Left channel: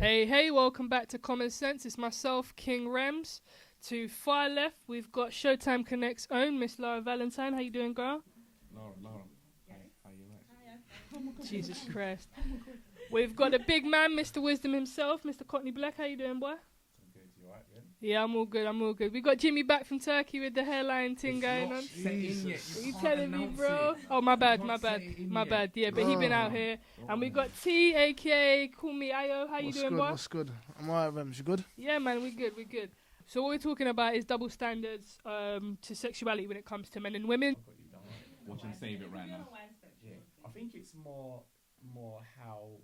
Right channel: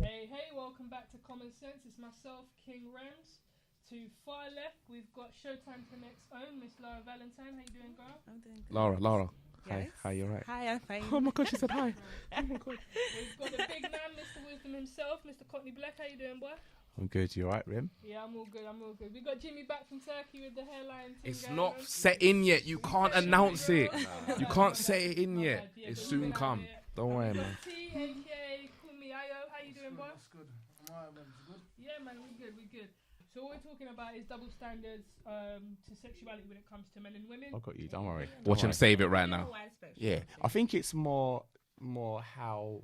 Hey, welcome back to Common Sense. It's myself, King Rems. To far left, we've got Showtime Connect's own Miss Laura Valentine. How you doing, girl? Laura. Yes. Hi, you alright? Hi, I'm fine. Oh my gosh, she said hi. We've got a big man, Mr. Wisdom himself, Mr. Courtney Black. How you doing, boy? I'm good. You alright, Rim? Yeah, I'm all good. We got Jimmy back from Turkey with the hairline thing It's going not on. set in yet. You can't announce bro. it. Oh, my bad. You can't set it in my yet. bad. Yeah, but he It's been soon out come. here. Don't And we worry, got man. T, aka Call Me Ayo. How you doing, boy? What's good? I'm alright, Rems. You good? Yeah, man, we good. So what we're talking about is double standards to sexuality when it comes to men and women. I got you. Don't worry. Watch him save it right now. Yeah, I think it's more how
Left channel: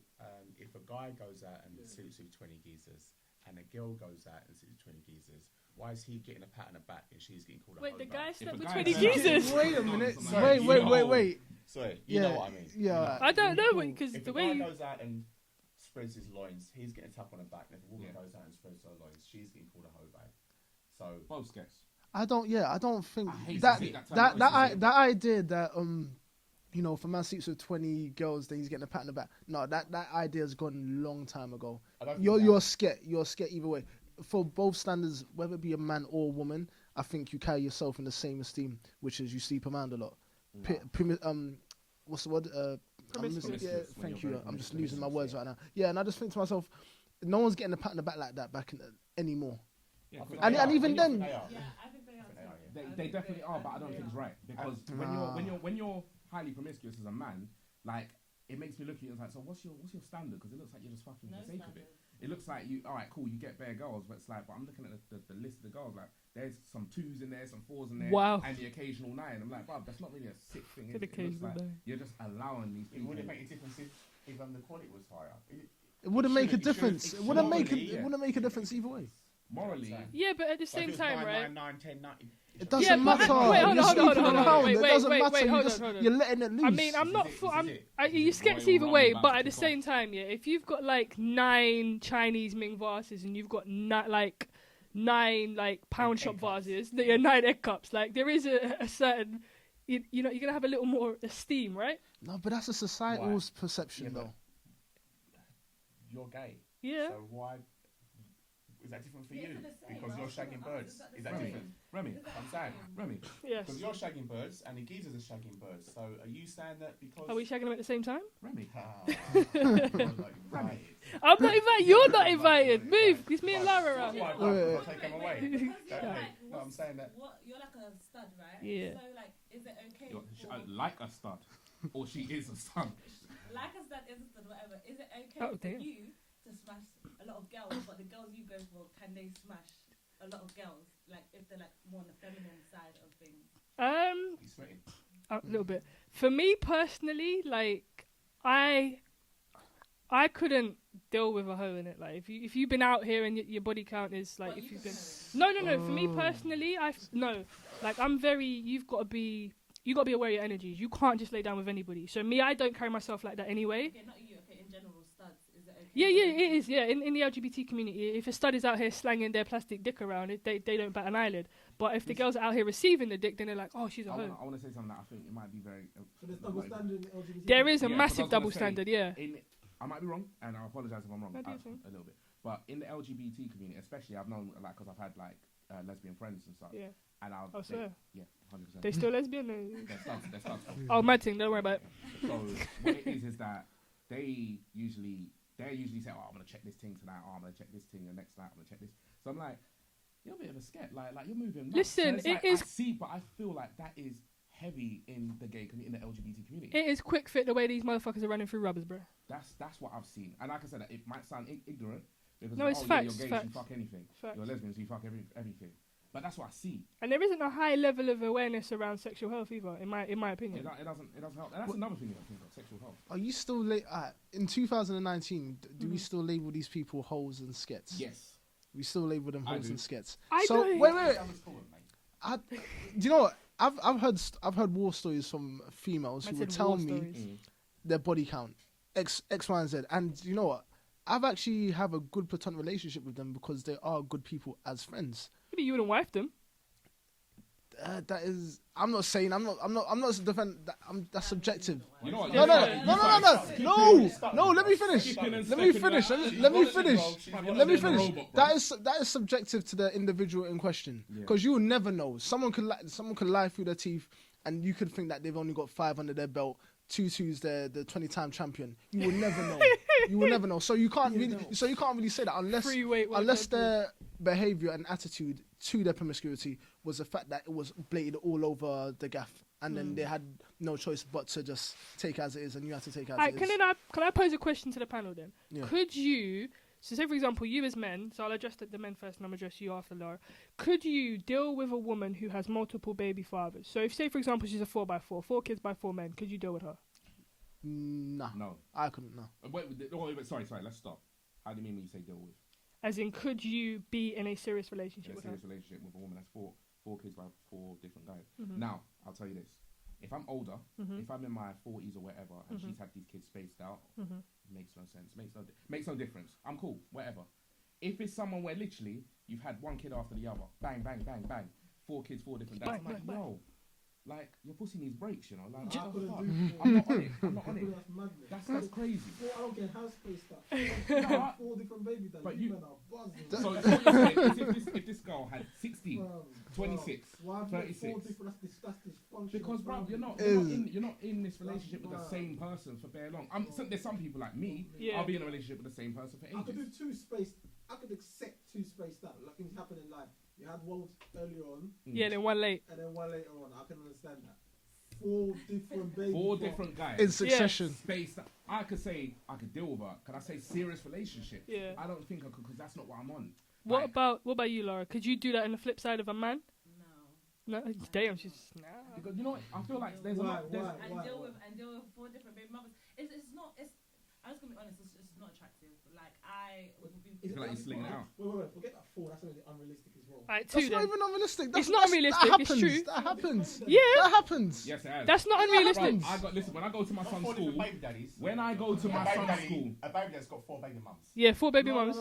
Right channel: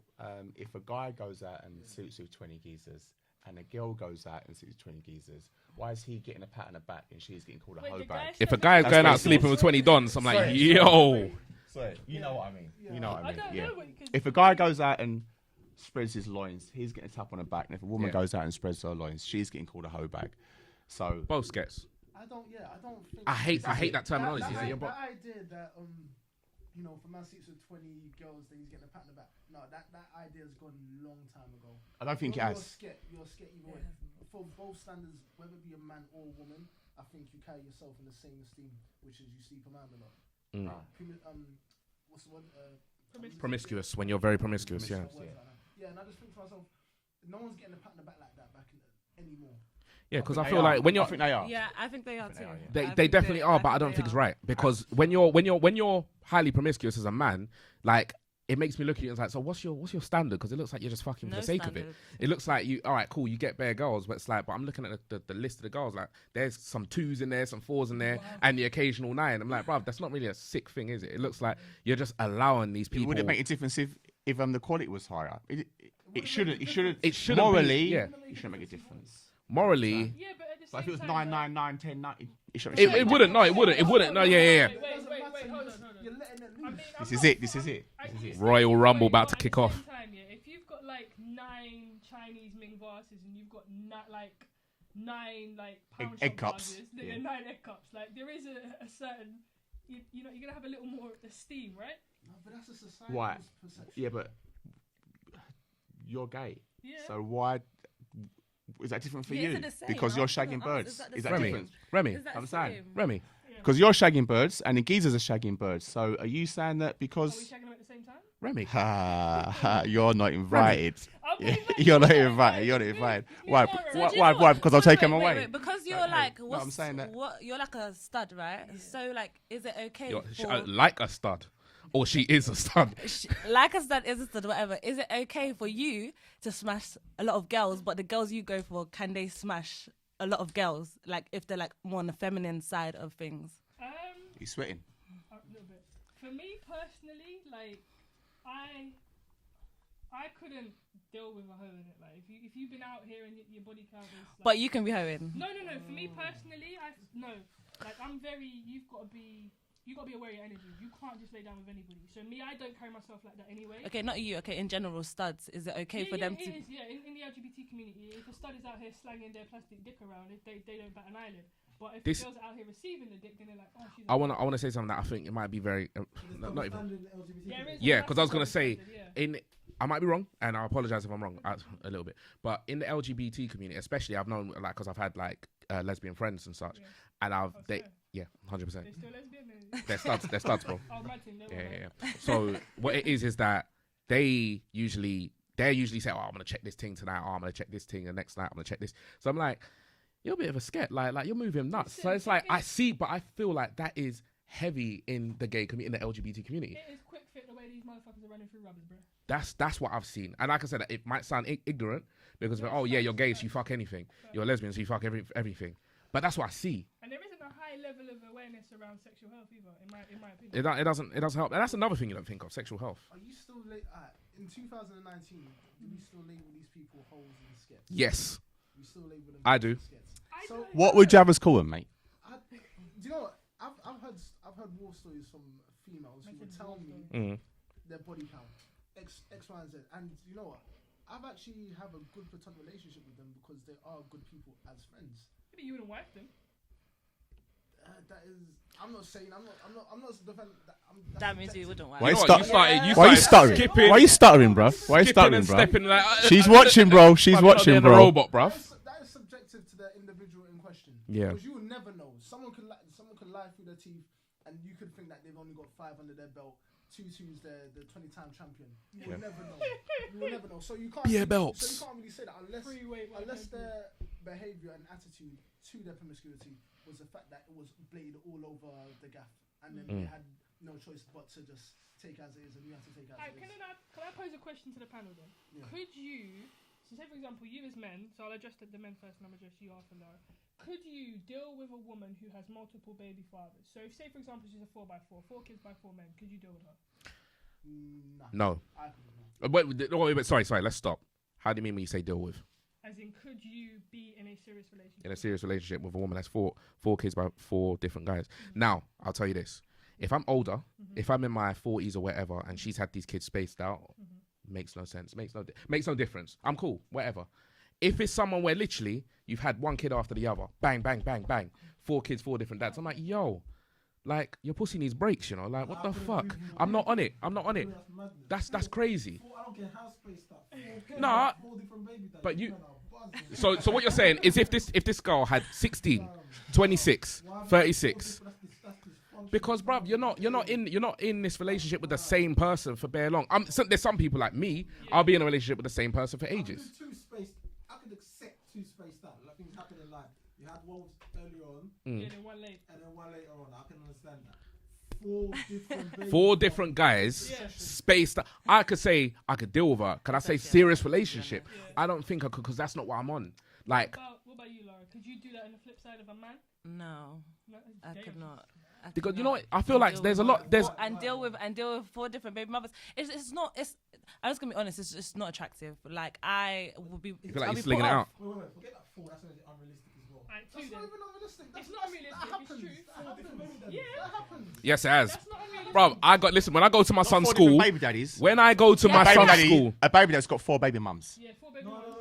if a guy goes out and sleeps with 20 geezers and a girl goes out and sleeps with 20 geezers, why is he getting a pat on the back and she's getting called a hoe bag? If a guy is going going out out sleeping with 20 dons, I'm like, Wait, yo. wait. Sorry, you know what I mean. Yeah. You know what I don't mean, know because If a guy goes out and spreads his loins, he's getting a tap on the back. And if a woman Yeah. goes out and spreads her loins, she's getting called a hoe bag. So Both gets. I don't think I hate that terminology. that idea that if a man sleeps with 20 girls, then he's getting a pat on the back. No, that idea's gone a long time ago. I don't think You're scared either way. For both standards, whether it be a man or a woman, I think you carry yourself in the same esteem, which is you sleep around a lot. What's the word? Promiscuous, when you're very promiscuous, I'm missing yeah. my words right now. Yeah, and I just think to myself, no one's getting a pat on the back like that anymore. Yeah, because I And feel I like think when you're then- they are. Yeah, I think they are too. they definitely are, but I don't think it's right because when you're highly promiscuous as a man, like it makes me look at you and it's like, so what's your standard? Because it looks like you're just fucking for No the sake of it. standard. It looks like you, all right, cool, you get bare girls, but it's like, but I'm looking at the list of the girls, like there's some 2s in there, some 4s in there, Wow. and the occasional 9. I'm like, bruv, that's not really a sick thing, is it? It looks like you're just allowing these people. Would it make a difference if the quality was higher? It wouldn't make a difference. it shouldn't morally. be, It wouldn't make a difference either way. morally. Yeah, but at the So if same it was time, 9, right? 9, 9, 10, 9, it should doesn't It wouldn't, no, it matter. wouldn't, it Hold wouldn't. on, No, yeah, hold on, yeah. wait, It doesn't wait, matter. wait, hold on. You're letting it loose. I mean, I'm This not. is it, this is it. You sketch Royal either Rumble way, about but to at kick the off. same time, yeah, if you've got like 9 Chinese Ming vases and you've got 9 like pound Egg shop cups. vases, that are 9 egg cups, like there is a certain, you're gonna have a little more esteem, right? No, but that's a societal perception. Yeah, but though. you're gay. Yeah. So why is that different for Yeah, you? is it the same? Because you're I was gonna shagging ask, birds. is that the Is that same? different? Remy, Is that I'm the saying. same? Remy. Yeah. Because you're shagging birds and the geezers are shagging birds. So are you saying that because Are we shagging them at the same time? Remy. you're not invited? I'm not invited. You're You're not not invited. You're not Move. invited. It's me Why? and Laura. Why? Do you Why? know Why? what? Because I'll take them away. Wait, because you're like, No, what's, I'm saying that- what you're like a stud, right? Yeah. So like, is it okay? Like a stud. Or she is a stud. Like a stud is a stud, whatever. Is it okay for Okay. you to smash a lot of girls, but the girls you go for, can they smash a lot of girls? Like if they're like more on the feminine side of things. He's sweating. A little bit. For me personally, like I couldn't deal with a hoe in it. Like if you've been out here and your body count is like, But you can be hoeing. No. For me personally, like I'm very. You gotta be aware of your energies. You can't just lay down with anybody. So me, I don't carry myself like that anyway. Okay, not you. Okay, in general, studs. Is it okay? Yeah, for yeah, them it to is. Yeah, in the LGBT community, if a stud is out here slanging their plastic dick around, they don't bat an eyelid. But if the girls are out here receiving the dick, then they're like, oh, she's. I want to say something that I think it might be very. Not even, There is a yeah, because massive I was double gonna say standard. Yeah. I might be wrong, and I apologize if I'm wrong That's fine. a little bit. But in the LGBT community, especially, I've known like because I've had like lesbian friends and such, Yeah. and Oh, swear. 100%. They still lesbian. They're studs, bro. Oh, mad thing. Don't worry about it. Yeah. So what it is that they usually say, oh, I'm gonna check this thing tonight. Oh, I'm gonna check this thing, and next night I'm gonna check this. So I'm like, you're a bit of a sket. Like you're moving nuts. Listen, so it's it like I is- see, but I feel like that is heavy in the gay community, in the LGBT community. It is quick fit the way these motherfuckers are running through rubbers, bro. That's what I've seen. And like I said, it might sound ignorant because No, it's yeah, you're facts, gay, so you facts. fuck anything. Facts. You're a lesbian, so you fuck everything. But that's what I see. And there isn't a high level of awareness around sexual health either, in my opinion. It doesn't help. And that's another thing you don't think of, sexual health. Are you still in 2019? Do we still label these people hoes and skets? Yes. We still label them I hoes do. and skets. I So don't. What would you have us call him, mate? do you know what? I've heard war stories from females who I would said tell war me stories. Mm. their body count X, Y, and Z. And you know what? I've actually have a good platonic relationship with them because they are good people as friends. Maybe you wouldn't wife them. That is. I'm not saying. I'm not defending. That's subjective. Why are you stuttering? Why are you stuttering, bro? Why are you stuttering, bro? She's watching, bro. She's watching, bro. Robot, bro. That is subjective to the individual in question. Yeah. Because you will never know. Someone could lie through their teeth, and you could think that they've only got 5 under their belt. Tutu's the 20-time champion. You will never know. You will never know. So you can't. So you can't really say that unless their behavior and attitude to their promiscuity was the fact that it was bladed all over the gaff, and then they had no choice but to just take it as it is, and you have to take it as it is. Can I pose a question to the panel then? Yeah. Could you, so say for example, you as men, so I'll address the men first and I'll address you after, Laura. Could you deal with a woman who has multiple baby fathers? So if, say for example, she's a 4x4, 4 kids by 4 men, could you deal with her? No. I couldn't, no. Wait, sorry, let's stop. How do you mean when you say deal with? As in, could you be in a serious relationship? In a serious relationship with a woman that's four kids by 4 different guys. Now, I'll tell you this. If I'm older, if I'm in my 40s or whatever, and she's had these kids spaced out, makes no sense. Makes no difference. I'm cool, whatever. If it's someone where literally you've had 1 kid after the other, bang, bang, bang, bang, 4 kids, 4 different dads, I'm like, yo, like, your pussy needs breaks, you know? Like, what the fuck? I'm not on it. That's crazy. I don't get house space stuff. Nah, 4 different baby daddies. but you... So what you're saying is if this girl had 16, 26, 36... Because, bruv, you're not in this relationship with the same person for bare long. There's some people like me. I'll be in a relationship with the same person for ages. I could accept 2 spaced out. Like things happen in life. You had one earlier on. Yeah, then 1 late. And then 1 later on. I can understand that. 4 different guys spaced. I could say I could deal with her. Can I say serious relationship? Yeah. I don't think I could, because that's not what I'm on. Like, what about you, Laura? Could you do that on the flip side of a man? No. Damn. Because you know what? I feel like there's a lot. And deal with 4 different baby mothers. It's not. I'm just gonna be honest. It's not attractive. Like I will be. You feel like you're slinging it out. Wait. Forget that 4. That's unrealistic as well. Right, that's not even unrealistic. It's not unrealistic. It's true. That happens. Yeah, that happens. Yes, it has. That's not unrealistic. Bro, listen. When I go to my son's school, baby daddies. When I go to my son's school, a baby daddy's got 4 baby mums. Yeah, 4 baby mums.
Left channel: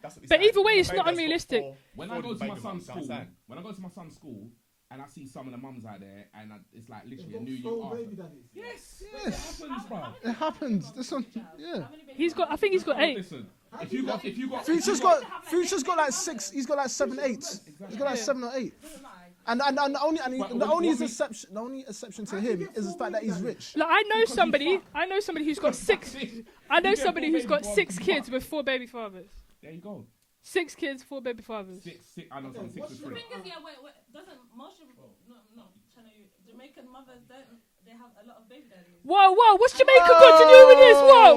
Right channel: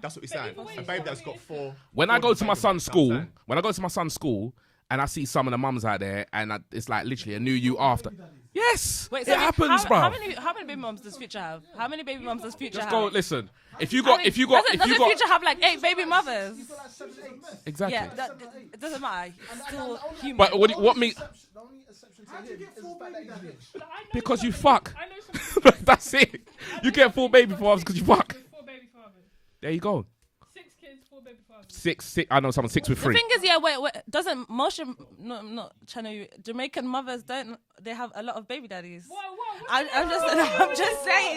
That's what we But either way, it's not unrealistic. When I go to my son's school, and I see some of the mums out there, and it's like literally a new you after. Yes, wait, it happens, bro. How many baby mums does Future have? How many baby mums does Future have? Listen, if you Does got, Future have like 8 baby mothers? He's got like 7, 8. Exactly. Yeah, like 7 or 8. It doesn't matter. And the only exception to him is the fact that he's rich. Like, I know somebody who's got 6. That's it. You get 4 baby fathers because you fuck. With 4 baby fathers. There you go. 6 kids, 4 baby fathers. 6. I know someone 6 with 3. The thing is, wait. Doesn't most not trying to Jamaican mothers they have a lot of baby daddies? Whoa! What's Jamaica got to do with this?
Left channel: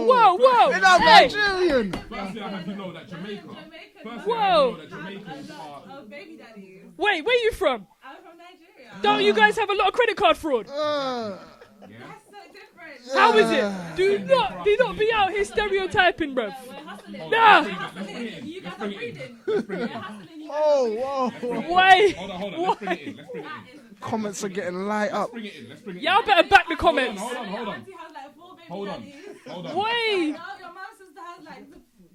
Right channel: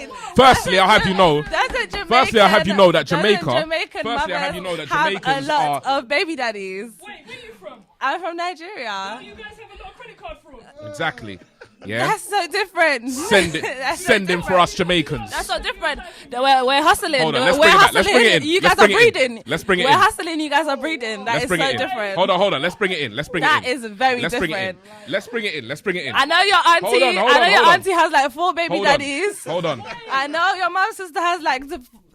Whoa! Firstly, I have you know that Jamaica. Jamaican mothers have a lot of baby daddies. Wait, where are you from? I'm from Nigeria. Don't you guys have a lot of credit card fraud? Exactly. Yeah. That's so different. Send them for us Jamaicans. That's so different. We're We're hustling. Hold on, let's bring it in. You guys are breeding. Let's bring it in. We're hustling. You guys are breeding. That is so different. Hold on. Let's bring it in. That is very different. Let's bring it in. I know your auntie has like 4 baby daddies. Hold on. I know your mom's sister has like.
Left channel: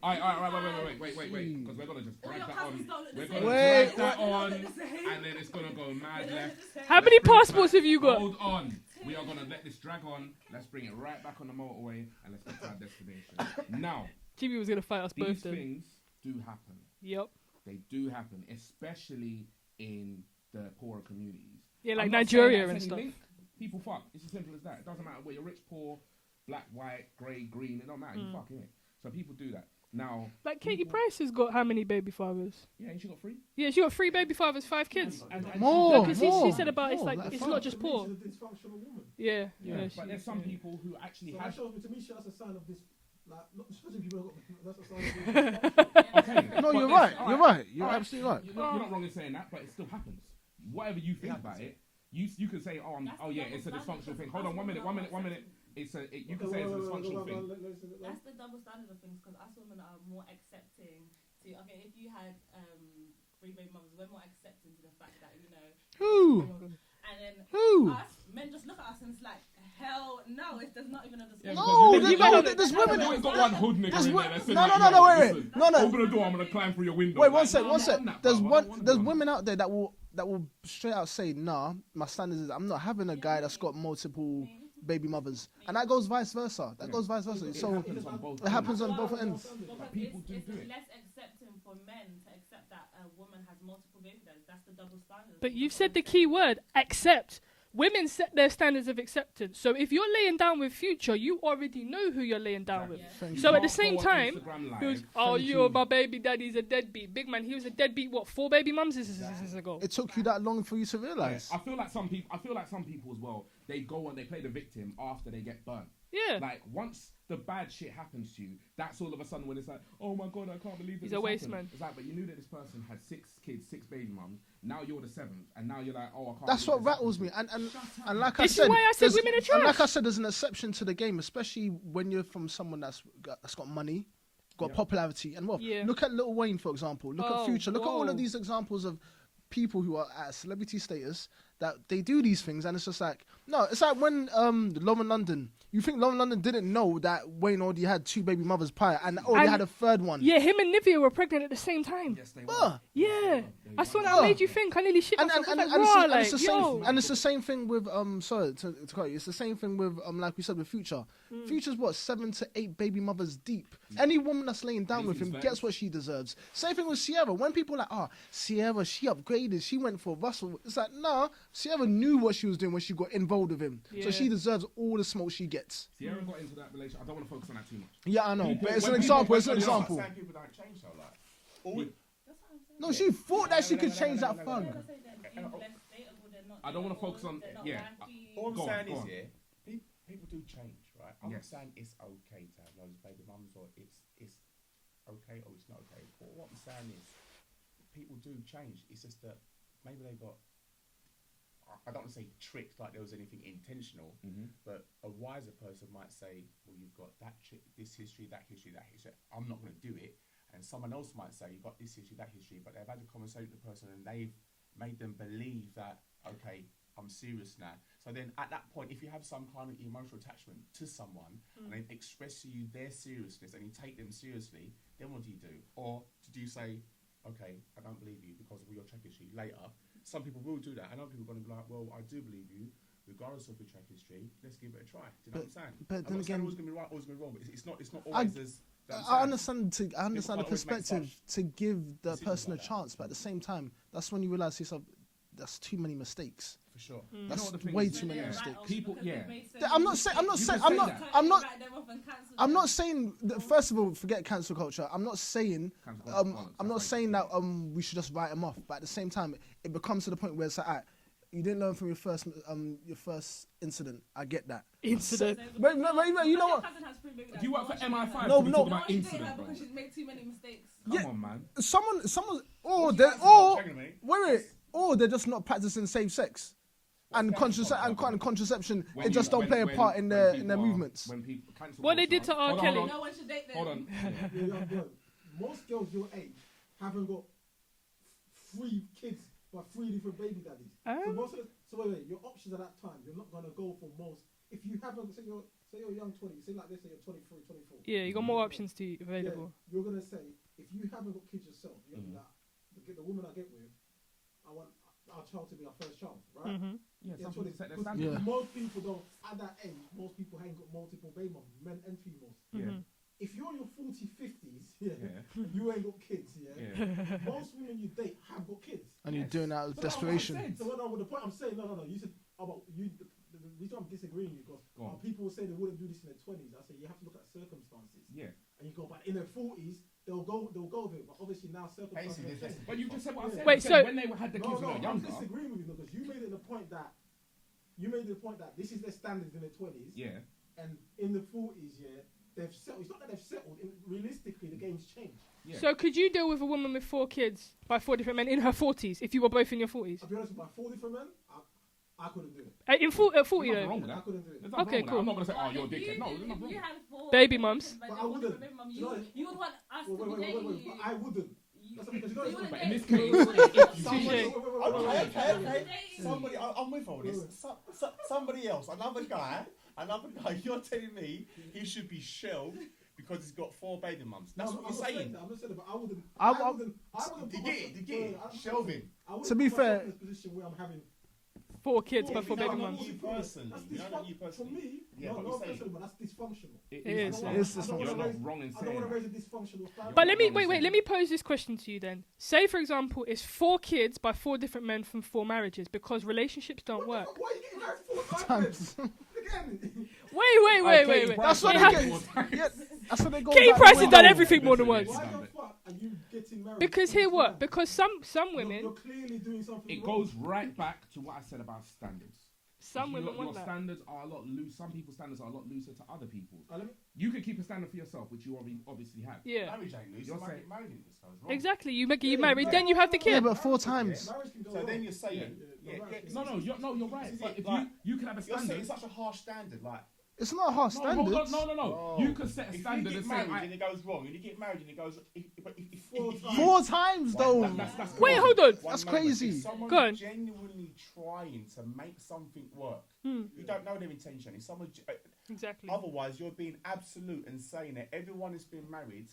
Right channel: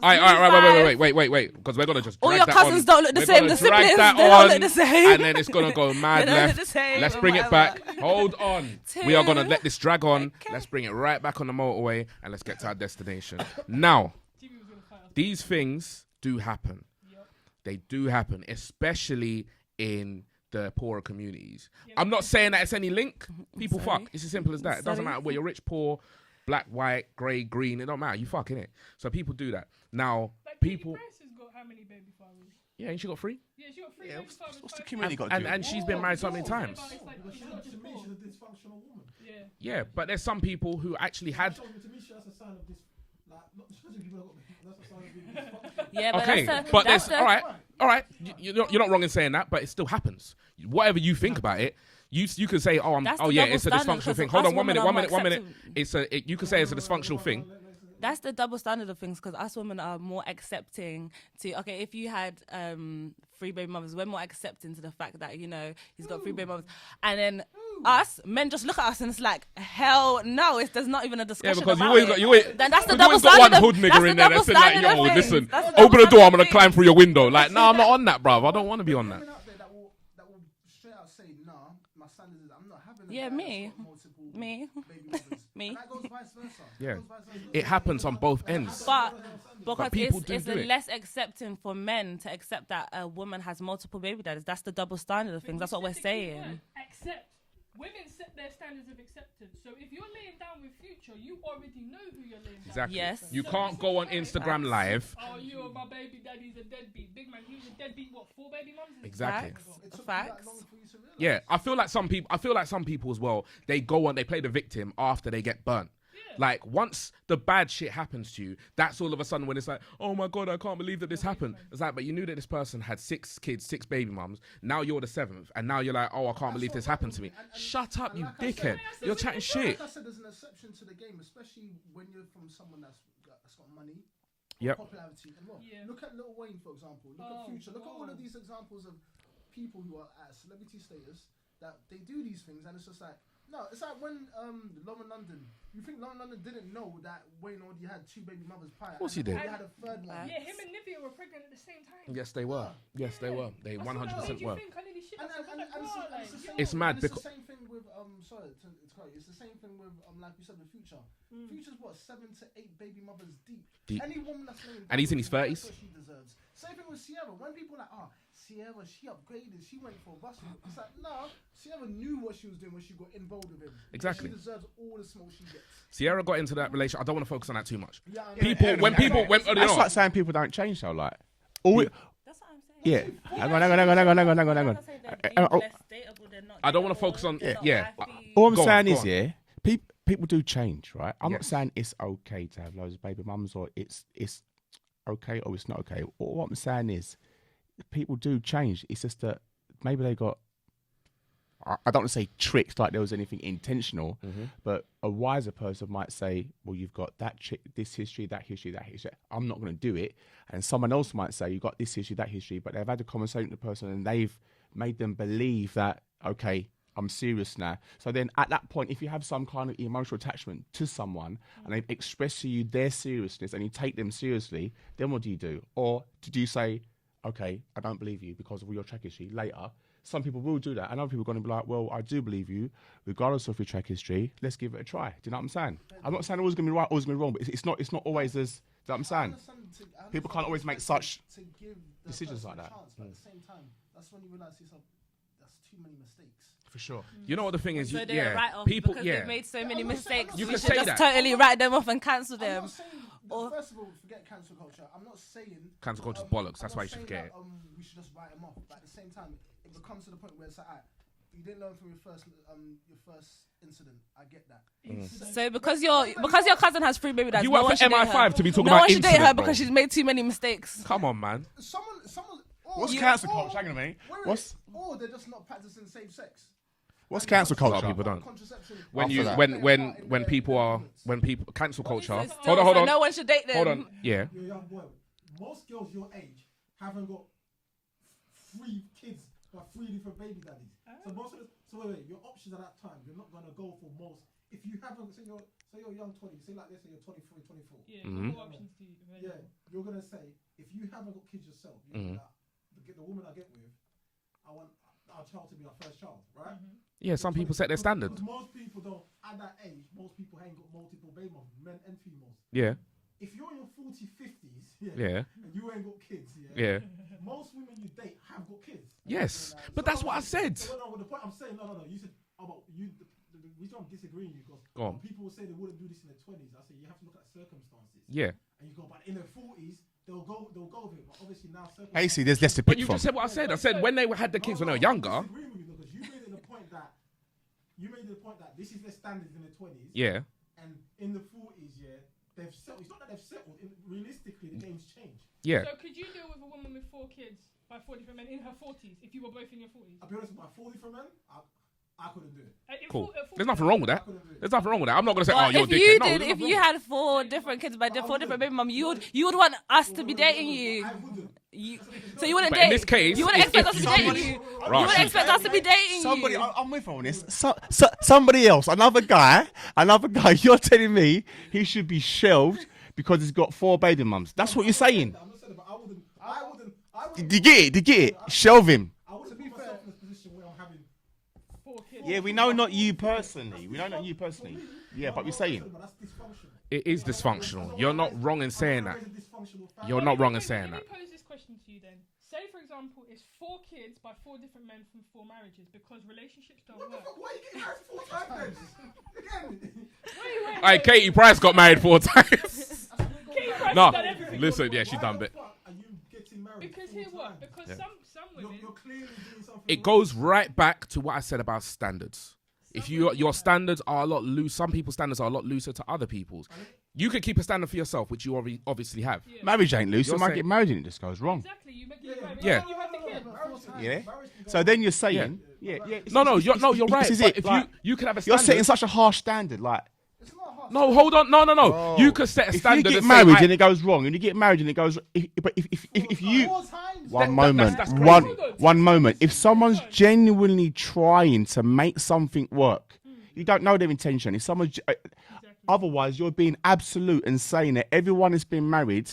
All right, wait. Because we're gonna just. All your cousins don't look the same. The siblings, they don't look the same. And then it's gonna go mad left. How many passports have you got? Hold on. We are gonna let this drag on. Let's bring it right back on the motorway and let's get to our destination. Now, Jimmy was gonna fight us. These things do happen. Yep. They do happen, especially in the poorer communities. Yeah, like I'm not Nigeria saying that it's any stuff. link. People fuck. It's as simple as that. It doesn't matter whether you're rich, poor, black, white, grey, green. It don't matter. You fucking it. So people do that. Now, like Katie Price has got how many baby fathers? Yeah, and she got 3. Yeah, she got 3 baby fathers, 5 kids. And she's been married so many She times. said about it's not just poor. Yeah. Yeah, but there's some people who actually had. To me, that's a sign of this. Like, not especially people that's a sign of this. Okay, but there's all right. You're not wrong in saying that, but it still happens. Whatever you think about it. You can say, it's a dysfunctional thing. Hold on, 1 minute. You can say it's a dysfunctional thing. That's the double standard of things, because us women are more accepting to. Okay, if you had 3 baby mothers, we're more accepting to the fact that he's got 3 baby mothers, and then us men just look at us and it's like, hell no, there's not even a discussion. Yeah, because that's the you double ain't got one standard. hood nigger in there that's saying like, listen, open the door, I'm gonna climb through your window. Like, no, I'm not on that, bro. I don't want to be on that. There's women out there that will will straight out say, nah, my standards is I'm not having a Yeah, guy me. that's got multiple Me. baby mothers. Me. And that goes vice versa. Yeah. It It happens on both It happens ends. on both ends. Because people it's, do it's do a it. less accepting for men to accept that a woman has multiple baby daddies. That's the double standard of But things. you That's said what the we're key saying. word, accept. Women set their standards of acceptance. So if you're laying down with Future, you already know who you're laying down Exactly. Yes. You So at can't the same go on time- Instagram Live. with. Oh, you're my baby daddy's a deadbeat. Big man, he was a deadbeat. What, 4 baby mums? This is Exactly. years ago. It took you Facts. that long for you to realise. Yeah, I feel like some people as well. They go on, they play the victim after they get burnt. Yeah. Like once the bad shit happens to you, that's all of a sudden when it's like, oh my god, I can't believe that He's this a waste happened. man. It's like, but you knew that this person had 6 kids, 6 baby mums. Now you're the 7th, and now you're like, oh, I can't That's believe what this happened rattles to me. me. And Shut up. and you like I This is said, why I said there's- women are and trash. like I said, there's an exception to the game, especially when you're from someone that's got money, got Yep. popularity, and wealth. Yeah. Look at Lil Wayne, for example. Look Oh, at Future. Look at all whoa. of these examples of people who are at celebrity status that they do these things, and it's just like, no, it's like when Love in London. You think Love in London didn't know that Wayne already had 2 baby mothers prior, and he did. already And- had a 3rd one. Yeah, him and Nivea were pregnant at the same time. Yes, they were. Ah. Yeah, Yes, they were. They that's what 100% that made you were. think. I nearly shit And, myself. and, I and, was and, like, it's, raw, and it's the like, same, yo. It's mad and it's the because- same thing with sorry to cut you. It's the same thing with like we said with Future. Future's what 7 to 8 baby mothers deep. Any woman that's laying down he's with in his him 30s. gets what she deserves. Same thing with Sierra. When people are like, oh, Sierra, she upgraded, she went for Russell. It's like, nah, Sierra knew what she was doing when she got involved with him. Exactly. She deserves all the smoke she gets. Sierra got into that relationship. I don't want to focus on that too much. Yeah, I know. People- It's when an people- example, when- it's an you know- That's like example. saying people don't change though. Like, all we, That's what I'm saying. yeah. she thought Hang that on, she could change hang that on. I'm not saying they're Uh, uh, less dateable, they're not I don't want to dateable, focus on. they're not Yeah. wifey. All I'm Go on, saying go is, on. yeah, people do change, right? I'm not Yes. saying it's okay to have loads of baby mums or it's okay or it's not okay. All what I'm saying is, people do change. It's just that maybe they got. I don't want to say tricked like there was anything intentional, but a wiser person might say, well, you've got this history, that history, that history. I'm not going to do it. And someone else might say, you've got this history, that history, but they've had a conversation with the person and they've made them believe that, okay, I'm serious now. So then at that point, if you have some kind of emotional attachment to someone and they express to you their seriousness and you take them seriously, then what do you do? Or did you say, okay, I don't believe you because of your track history later? Some people will do that, and other people are going to be like, well, I do believe you, regardless of your track history. Let's give it a try. Do you know what I'm saying? But I'm not saying always going to be right, always going to be wrong, but it's not always as. Do you know what I'm I saying? understand. I understand can't the always make perspective such to give the decisions person like a that. chance, but at the same time, that's when you realize yourself. That's too many mistakes. For sure. You know what the thing way is? too So many they're Yeah. right off People. because Yeah. they've made so I'm many not mistakes. saying- I'm not You saying- can I'm say not- that. Totally I'm not- write them off and cancel them. I'm not saying that, first of all, forget cancel culture. I'm not saying Cancel culture's bollocks. I'm That's not why you saying should that get we should just write them off. But at the same time, it becomes to the point where it's like, alright, you didn't learn from your first incident. I get that. Incident. So because no, your no, because no. your cousin has 3 baby dads, You no work one for should date MI5 her. to be No, talking No about one should date her incident, because bro. she's made too many mistakes. Come on, man. Someone, What's they- cancel or- culture? Hang on a minute. wait, or they're just not practicing safe sex. What's And cancel culture? and People don't. contraception. When they you, just don't when play a when part in when their, people in their are movements. when people cancel What they culture. did to Hold on, hold on, No one should date them. hold on. Yeah. Most girls your age haven't got 3 kids by 3 different baby daddies. So most of the, wait, your options at that time, you're not gonna go for most. If you haven't, say you're a young 20, say like this, say you're 23, 24. Yeah, you got more options to available. Yeah, you're gonna say if you haven't got kids yourself, you're gonna be like, the woman I get with, I want our child to be our first child, right? Yeah, some people set their standard. Most people don't. At that age, most people ain't got multiple baby moms, men and females. Yeah. If you're in your 40s, 50s, Yeah. and you ain't got kids, Yeah. most women you date have got kids. And you're Yes. doing that out of But that's what I desperation. said. So no, the point I'm saying, no. You said about you. The reason I'm disagreeing with you because Go on. when people say they wouldn't do this in their 20s, I say you have to look at circumstances. Yeah. And you go, but in their 40s, they'll go with it. But obviously now circumstances. Basically, there's less to But pick you from. just said what I said. Wait, I said so- when they had the kids when they were I'm younger. disagreeing with you because you made it the point that this is their standards in their 20s. Yeah. And in the 40s, they've settled. It's not that they've settled. Realistically, the game's changed. Yeah. So could you deal with a woman with 4 kids by 4 different men in her 40s if you were both in your 40s? I'll be honest, by 40 for men, I couldn't do it. In Cool. full, 40 There's nothing yeah. wrong with I that. couldn't do it. There's nothing Okay, wrong with that. cool. I'm not gonna say, Well, oh, you're if dickhead. you No, did, there's if nothing you wrong. had 4 Baby different mums. kids by But I 4 different baby wouldn't. mums, you would want us to be No, dating but you. I wouldn't. So you wouldn't But date. in this case, you wouldn't if expect us to be somebody- dating you. Right. You wouldn't expect us to be dating Somebody, you. I'm with her on this. Somebody else, another guy. You're telling me he should be shelved because he's got 4 baby mums. That's what you're saying. I'm not saying it, but I wouldn't. Do you get it? Shelve him. I To be fair, in this position where I'm having 4 kids. Yeah, by we 4 know kids. not you personally. We know not you personally. Yeah, but we're saying. But that's dysfunctional. It is Yeah. dysfunctional. You're not wrong in saying that. You're But not wrong in wait, saying let me that. pose this question to you then. Say, for example, it's 4 kids by 4 different men from 4 marriages because relationships don't work. Why are you getting married 4 times? Again. Wait. Hey, Katie Price got married 4 times. I said they go Katie back- Price No, has done everything more listen, than yeah, once. she's done Why bit. the fuck are you getting married? Because here what? Because some women, You're clearly doing something It wrong. goes right back to what I said about standards. If some your women want that. standards are a lot loose, some people's standards are a lot looser to other people's. You could keep a standard for yourself, which you obviously have. Yeah. Marriage ain't loose. You're You might saying- get married and it just goes wrong. Exactly. You get married, Yeah. then you have the Yeah, kid. but 4 times. Yeah. So then you're saying, No, you're right. This is But it. if Like, you could have a you're standard. setting such a harsh standard. Like, It's not harsh. No, hold on. No. Bro. You could set a if you standard. get and say, married I- and it goes wrong, and you get married and it goes, if you 4 times. one though. moment, that's crazy. Hold on. one That's moment. crazy. If someone's Go on. genuinely trying to make something work, you don't know their intention. If someone's Exactly. otherwise, you're being absolute and saying that everyone has been married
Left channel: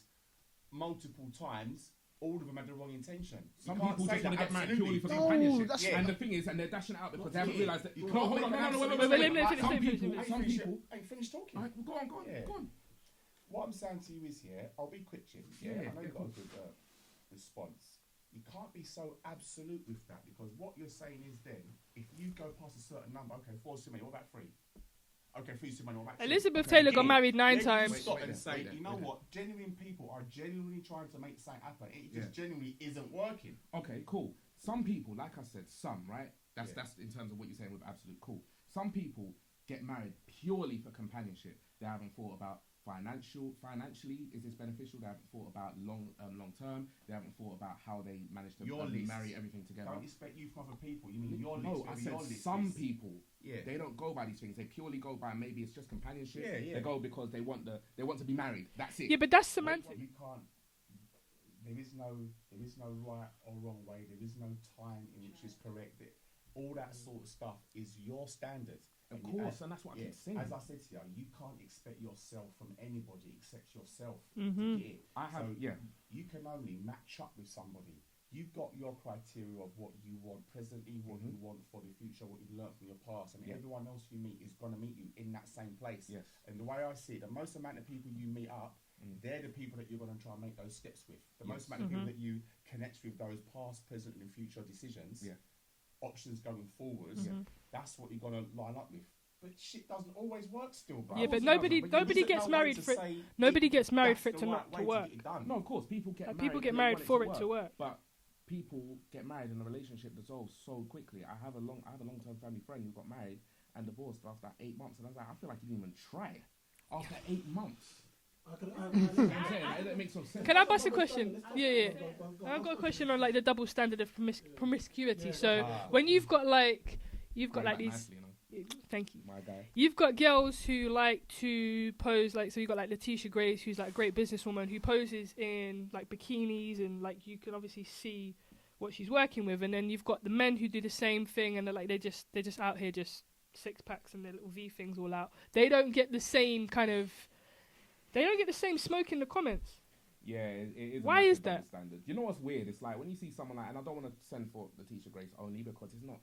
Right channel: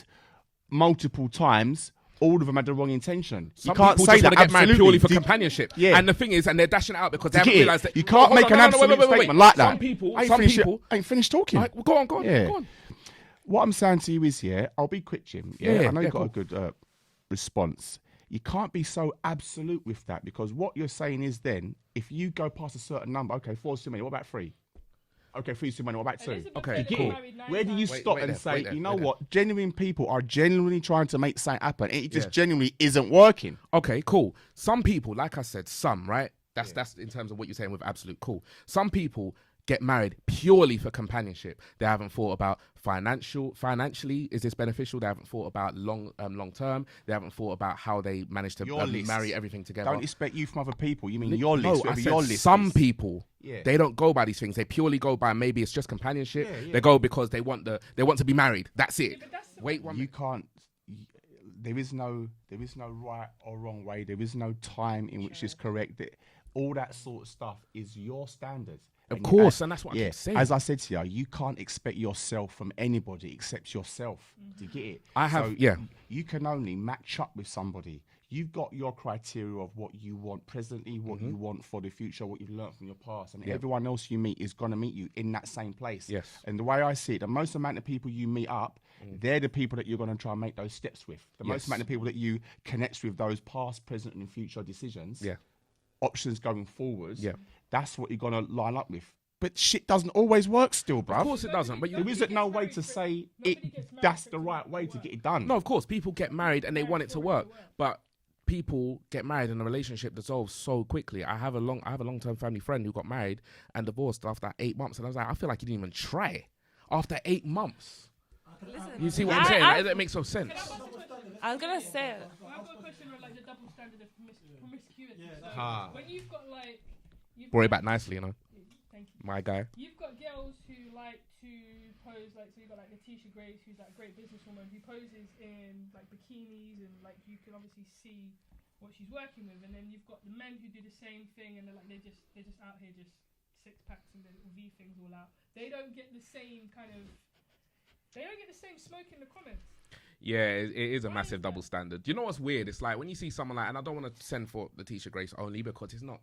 multiple times. All of them had the wrong intention. Some you can't people say just that want to get married absolutely. purely for Do you- companionship. Yeah. And the thing is, and they're dashing it out because they Do you haven't get it? realised that You can't make an absolute statement like that. Some people, I ain't some finished, people. I ain't finished talking. Like, go on. Yeah. Go on. What I'm saying to you is, I'll be quick, Jim. Yeah, I know you've got cool. a good response. You can't be so absolute with that because what you're saying is then, if you go past a certain number, okay, 4's too many, what about 3? Okay, 3's too many, what about 2? Elizabeth Okay, Taylor got cool. married 9 Where do times. you stop Wait and there, say, wait there, you know wait there. what, genuine people are genuinely trying to make something happen. It just genuinely isn't working. Okay, cool. Some people, like I said, right? That's in terms of what you're saying with absolute cool. Some people get married purely for companionship. They haven't thought about financially, is this beneficial? They haven't thought about long term. They haven't thought about how they manage to Your list. marry everything together. Don't expect you from other people. You mean your list, No, I whatever said your list some is. people. Yeah. They don't go by these things. They purely go by maybe it's just companionship. Yeah. They go because they want to be married. That's it. Yeah, but that's Wait, semantics. You can't. There is no right or wrong way. There is no time in which is correct. All that sort of stuff is your standard. Of course, and that's what I keep saying. As I said to you can't expect yourself from anybody except yourself. Do you get it? I have- So yeah. You can only match up with somebody. You've got your criteria of what you want presently, what you want for the future, what you've learned from your past, and everyone else you meet is going to meet you in that same place. Yes. And the way I see it, the most amount of people you meet up, they're the people that you're going to try and make those steps with. The most amount of people that you connect with, those past, present, and future decisions, options going forwards, that's what you're going to line up with. But shit doesn't always work still, bro. Of course it doesn't, but nobody There gets isn't no way married to for it- say nobody gets married that's for it the to right way to work. get it done. No, of course, people get married get and they married want it to for it to work. work. But people get married and the relationship dissolves so quickly. I have a long-term family friend who got married and divorced after 8 months, and I was like, I feel like you didn't even try after 8 months. You see what I'm saying? That makes no sense. Can I ask a question? I was gonna say it. I've got a question on like the double standard of promiscuity. So when you've got like Worry got, back like, these- nicely, you know, Thank you. my guy. You've got girls who like to pose like, so you've got like Letitia Grace, who's like a great businesswoman who poses in like bikinis and like you can obviously see what she's working with, and then you've got the men who do the same thing and they're like they're just out here just 6 packs and their little V things all out. They don't get the same smoke in the comments. Yeah, it is a Why massive is that? double standard. You know what's weird? It's like when you see someone like, and I don't want to send for Letitia Grace only because it's not.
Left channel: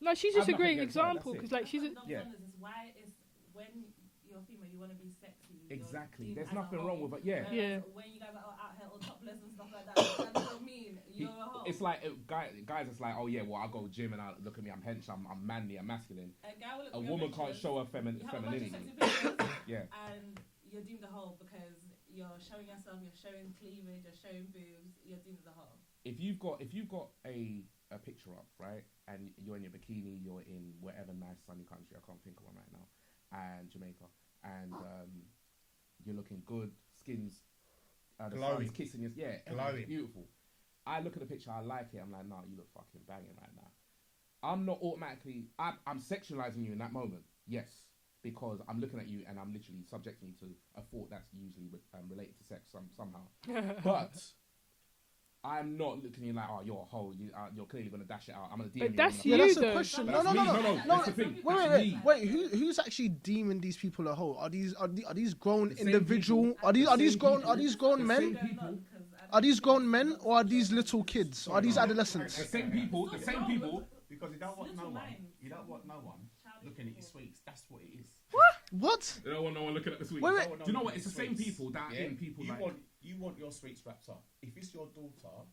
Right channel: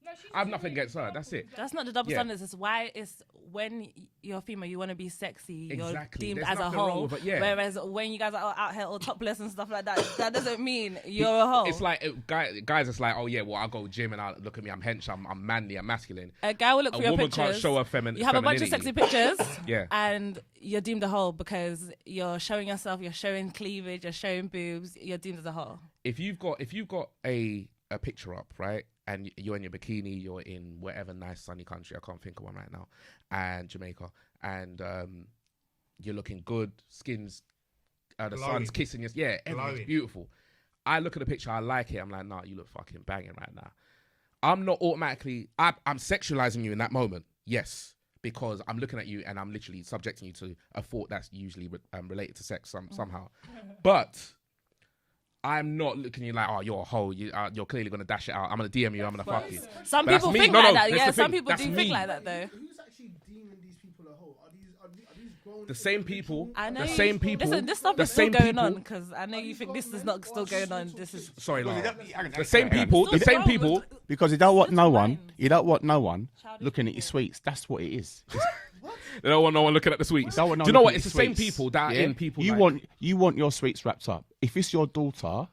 No, she's I've just a nothing great against her, example. that's it. 'cause, like, That's she's not the a- double Yeah. standards. It's why it's when you're female, you want to be sexy. You're Exactly. deemed There's as a nothing wrong hoe. with it, yeah. Whereas Yeah. when you guys are out here all topless and stuff like that, that doesn't mean you're a hoe. It's like guys. It's like, oh yeah, well I go gym and I look at me, I'm hench, I'm manly, I'm masculine. a guy will look A for your woman pictures. can't show her You have a bunch of sexy femininity. pictures, Yeah. and you're deemed a hoe because you're showing yourself, you're showing cleavage, you're showing boobs. You're deemed as a hoe. If you've got a picture up, right, and you're in your bikini, you're in whatever nice sunny country, I can't think of one right now, and Jamaica, and you're looking good, skin's the Glowing. sun's kissing you, everything's Glowing. beautiful. I look at the picture, I like it, I'm like, nah, you look fucking banging right now. I'm not automatically, I'm sexualizing you in that moment, yes, because I'm looking at you and I'm literally subjecting you to a thought that's usually related to sex somehow. But I'm not looking at you like, oh, you're a hoe. You're clearly gonna dash it out. I'm gonna DM you. I'm That's gonna. you, That's a though. question. Some That's people me. think No, like no, that. that's Yeah, the some thing. people That's don't me. think like that Wait, though. who's actually deeming these people a hoe? Are these grown The same individual? people- I Are know these, the are these same grown, people- are Listen, these this grown stuff is the still same going people- on because I know Are these you think grown this is men not or are still these going on. little This is- kids? Sorry, Are these no. adolescents? The same people. The Still same wrong. people. Because you don't want no Little one. minds. You don't want no one Childish looking at your people. sweets. That's what it is. What? They don't want no one looking at the sweets. You don't want no Do you know one what? looking It's the at same sweets. people that are Yeah? in people. You like, want your sweets wrapped up. If it's your daughter,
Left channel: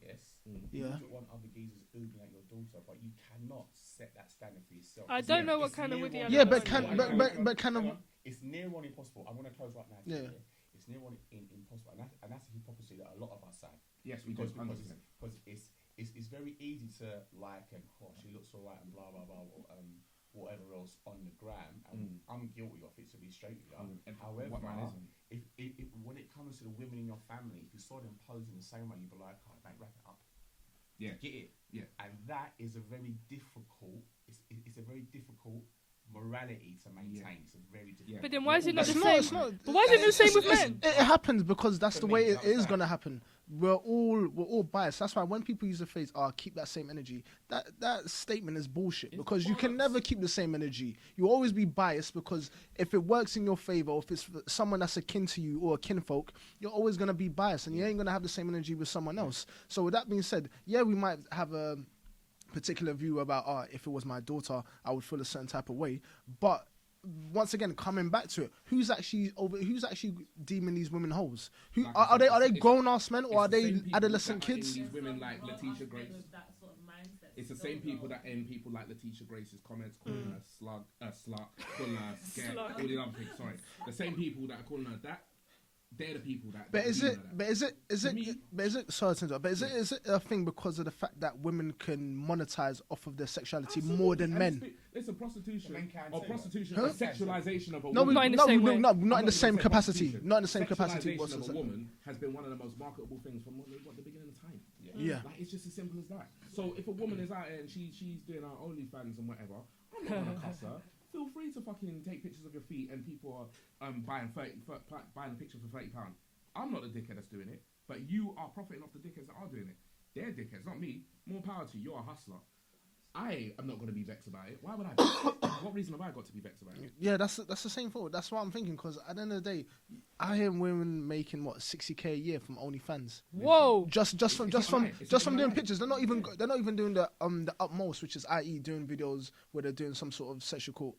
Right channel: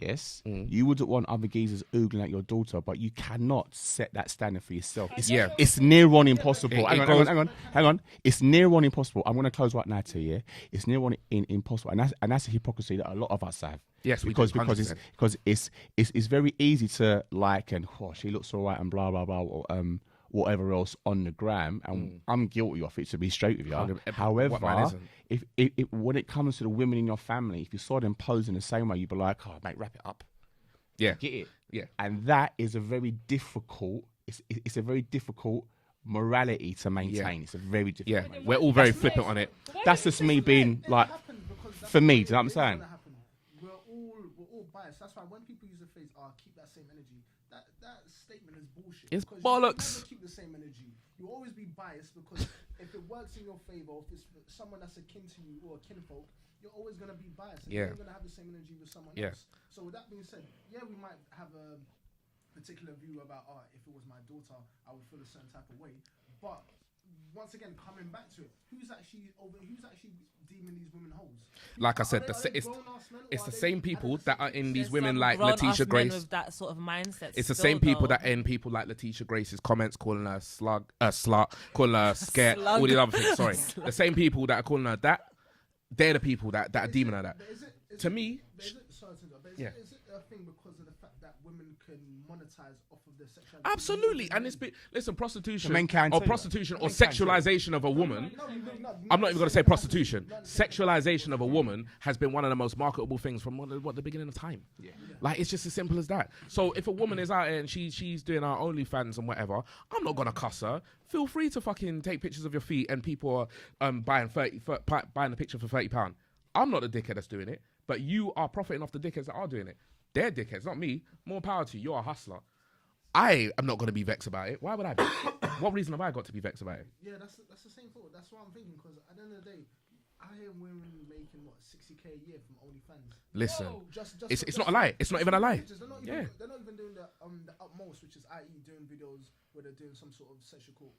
yes, you wouldn't want other geezers oogling at your daughter, but you cannot set that standard for yourself. I It's, don't know what it's kind near of- on Yeah, but impossible. can- Hang on, but- hang on, but can hang I- on. It's near on impossible. I'm going to close right now to Yeah. you. It's near on impossible, and that's a hypocrisy that a lot of us have. Yes, we because do, 100%. it's very easy to like and she looks all right and blah blah blah or, whatever else on the gram, and I'm guilty of it, to be straight with you. 100%. However, What man isn't? if when it comes to the women in your family, if you saw them posing the same way, you'd be like, oh mate, wrap it up. Yeah. Get it? Yeah. And that is a very difficult. It's a very difficult morality to maintain. Yeah. It's a very difficult. Yeah. But then We're why all is it very just flippant not- on it. But why That's is just it me so being It like. happens because that's for the me, way do you know it what I'm is saying? going to happen. We're all biased. That's why when people use the phrase keep that same energy," that statement is bullshit. It's because you bollocks. can never keep the same energy. You'll always be biased because if it works in your favor, or if it's someone that's akin to you or a kinfolk, you're always going to be biased, and you Yeah. ain't going to have the same energy with someone Yeah. else. So with that being said, yeah, we might have a particular view about if it was my daughter, I would feel a certain type of way, but once again, coming back to it, who's actually deeming these women hoes? Like I said, are they it's- grown ass men or It's are the they same people adolescent that are kids? in these There's women some like grown-ass Letitia men Grace. with that sort of mindset. It's the still, same people though. that end people like Letitia Grace's comments, calling her slut, calling her scared, all these other things. Sorry, the same people that are calling her that. They're the people that are deeming her that. But is it To me- sorry to interrupt, but is it a thing because of the fact that women can monetize off of their sexuality more Absolutely. than And men? it's listen, prostitution, Men can or too. prostitution, or Men can too. sexualization of a No, woman. Not in the same way. not I'm in not the even same going to say capacity. prostitution. Not in the same capacity. Sexualization of a woman has been one of the most marketable things from the beginning of time. Yeah. Like, it's just as simple as that. So if a woman is out there and she's doing her OnlyFans and whatever, I'm not gonna cuss her. Feel free to fucking take pictures of your feet, and people are buying the picture for £30. I'm not the dickhead that's doing it, but you are profiting off the dickheads that are doing it. They're dickheads, not me. More power to you. You're a hustler. I am not going to be vexed about it. Why would I be? What reason have I got to be vexed about it? Yeah, that's the same thought. That's what I'm thinking. Because at the end of the day, I hear women making what 60K a year from OnlyFans. Listen, Whoa. Just It's from, not just a from, lie. It's not just even from a their lie. Pictures. They're not even doing the utmost, which is i.e. doing videos where they're doing some sort of sexual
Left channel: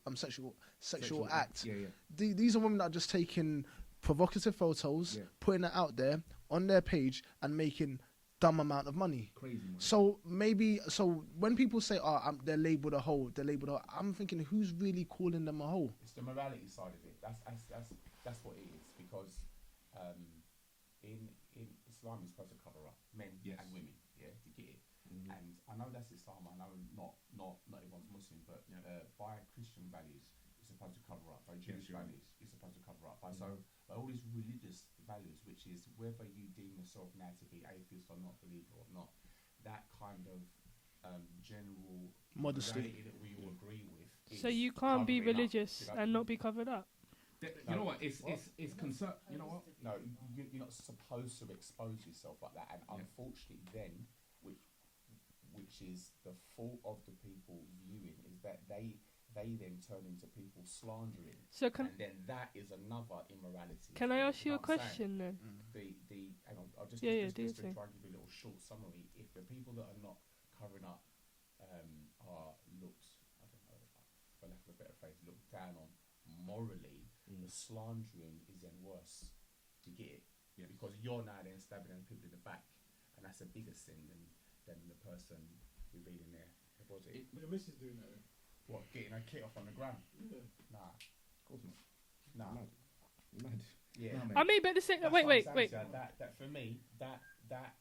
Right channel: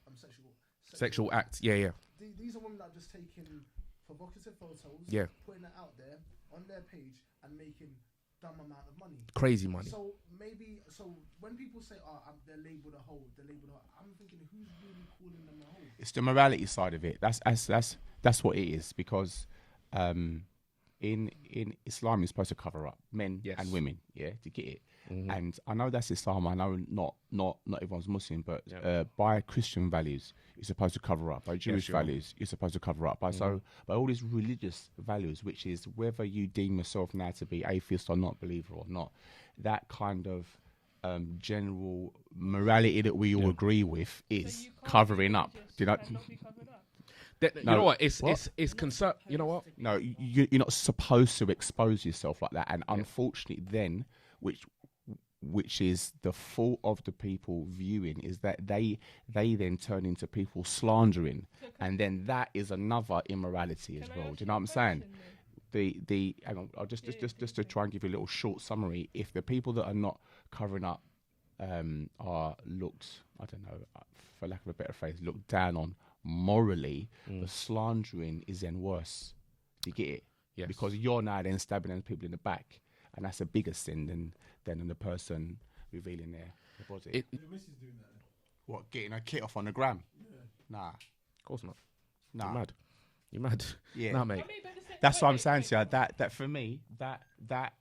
acts. Yeah. These are women that are just taking provocative photos, Yeah. putting it out there on their page and making dumb amount of money. Crazy money. So when people say, they're labeled a hoe, I'm thinking, who's really calling them a hoe? It's the morality side of it. That's what it is, because in Islam you're supposed to cover up men Yes. and women, yeah, to get it. And I know that's Islam. I know not everyone's Muslim, but by Christian values, you're supposed to cover up. By Jewish you are. values, you're supposed to cover up. By by all these religious values, which is whether you deem yourself now to be atheist or not, believer or not, that kind of general morality that we all agree with is So you can't covering be up. religious You know, and not be covered up. You No. know what? It's What? concern. You know what? No, you're not supposed to expose yourself like that. And unfortunately, then, which is the fault of the people viewing, is that they then turn into people slandering, So and then that is another immorality as can I well. ask Do you you know a what I'm saying? question then? The hang on, I'll just Yeah, do just your to thing. try and give you a little short summary. If the people that are not covering up are looked, I don't know, for lack of a better phrase, looked down on morally, the slandering is then worse. Do you get it? Yes. Because you're now then stabbing those people in the back, and that's a bigger sin than the person revealing their body. The missus doing that then. What, getting a kit off on the gram? Nah, Of course not. nah. You're mad. You're mad. Yeah. Nah, mate. I mean, but the same. That's wait, what I'm wait, saying wait. to you. That for me, that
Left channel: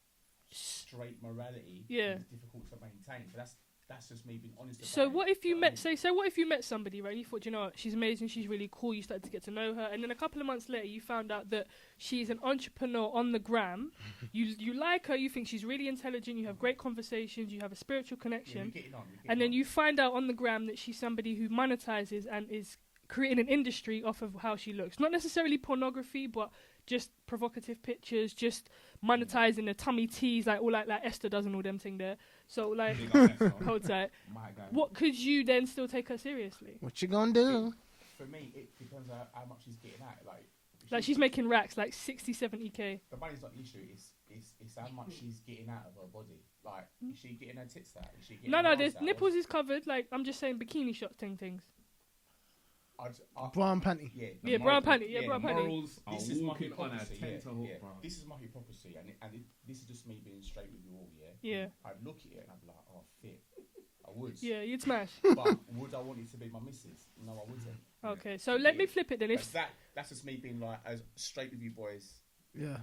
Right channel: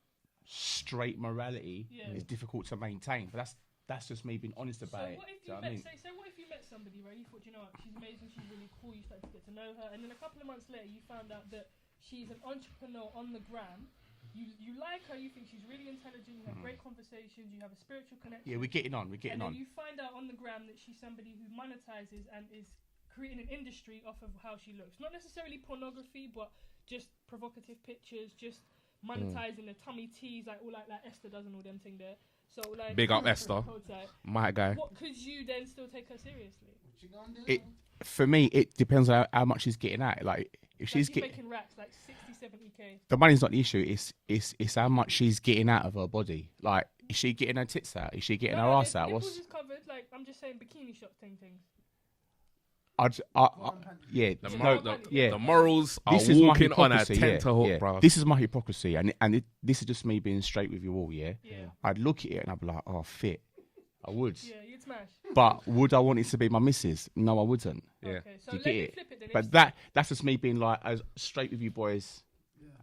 straight morality Yeah. is difficult to maintain. But that's just me being honest about So it. what if Do you know what I met, mean? say what if you met somebody, right? You thought, you know what, she's amazing, she's really cool. You started to get to know her, and then a couple of months later, you found out that she's an entrepreneur on the gram. you like her, you think she's really intelligent, you have great conversations, you have a spiritual connection. Yeah, we're getting on. and then you find out on the gram that she's somebody who monetizes and is creating an industry off of how she looks. Not necessarily pornography, but just provocative pictures, just monetizing the tummy teas, like all like Esther does and all them thing there. So like, big up Esther, hold tight. my guy. What could you then still take her seriously? What you gonna do? For me, it depends on how much she's getting at. Like, if Like she's making racks, like 60, 70k. the money's not the issue. It's how much she's getting out of her body. Like, is she getting her tits out? Is she getting her ass out? Nipples is covered. Like, I'm just saying bikini shot things. Bra and panty. Yeah, bra and panty. Yeah, The morals are this is my walking on a hypocrisy, tenterhook, bro. This is my hypocrisy, and this is just me being straight with you all. Yeah. I'd look at it and I'd be like, oh, fit. I would. Yeah, you'd smash. But would I want it to be my missus? No, I wouldn't. Okay, so You let get me it? flip it then. But that's just me being like as straight with you boys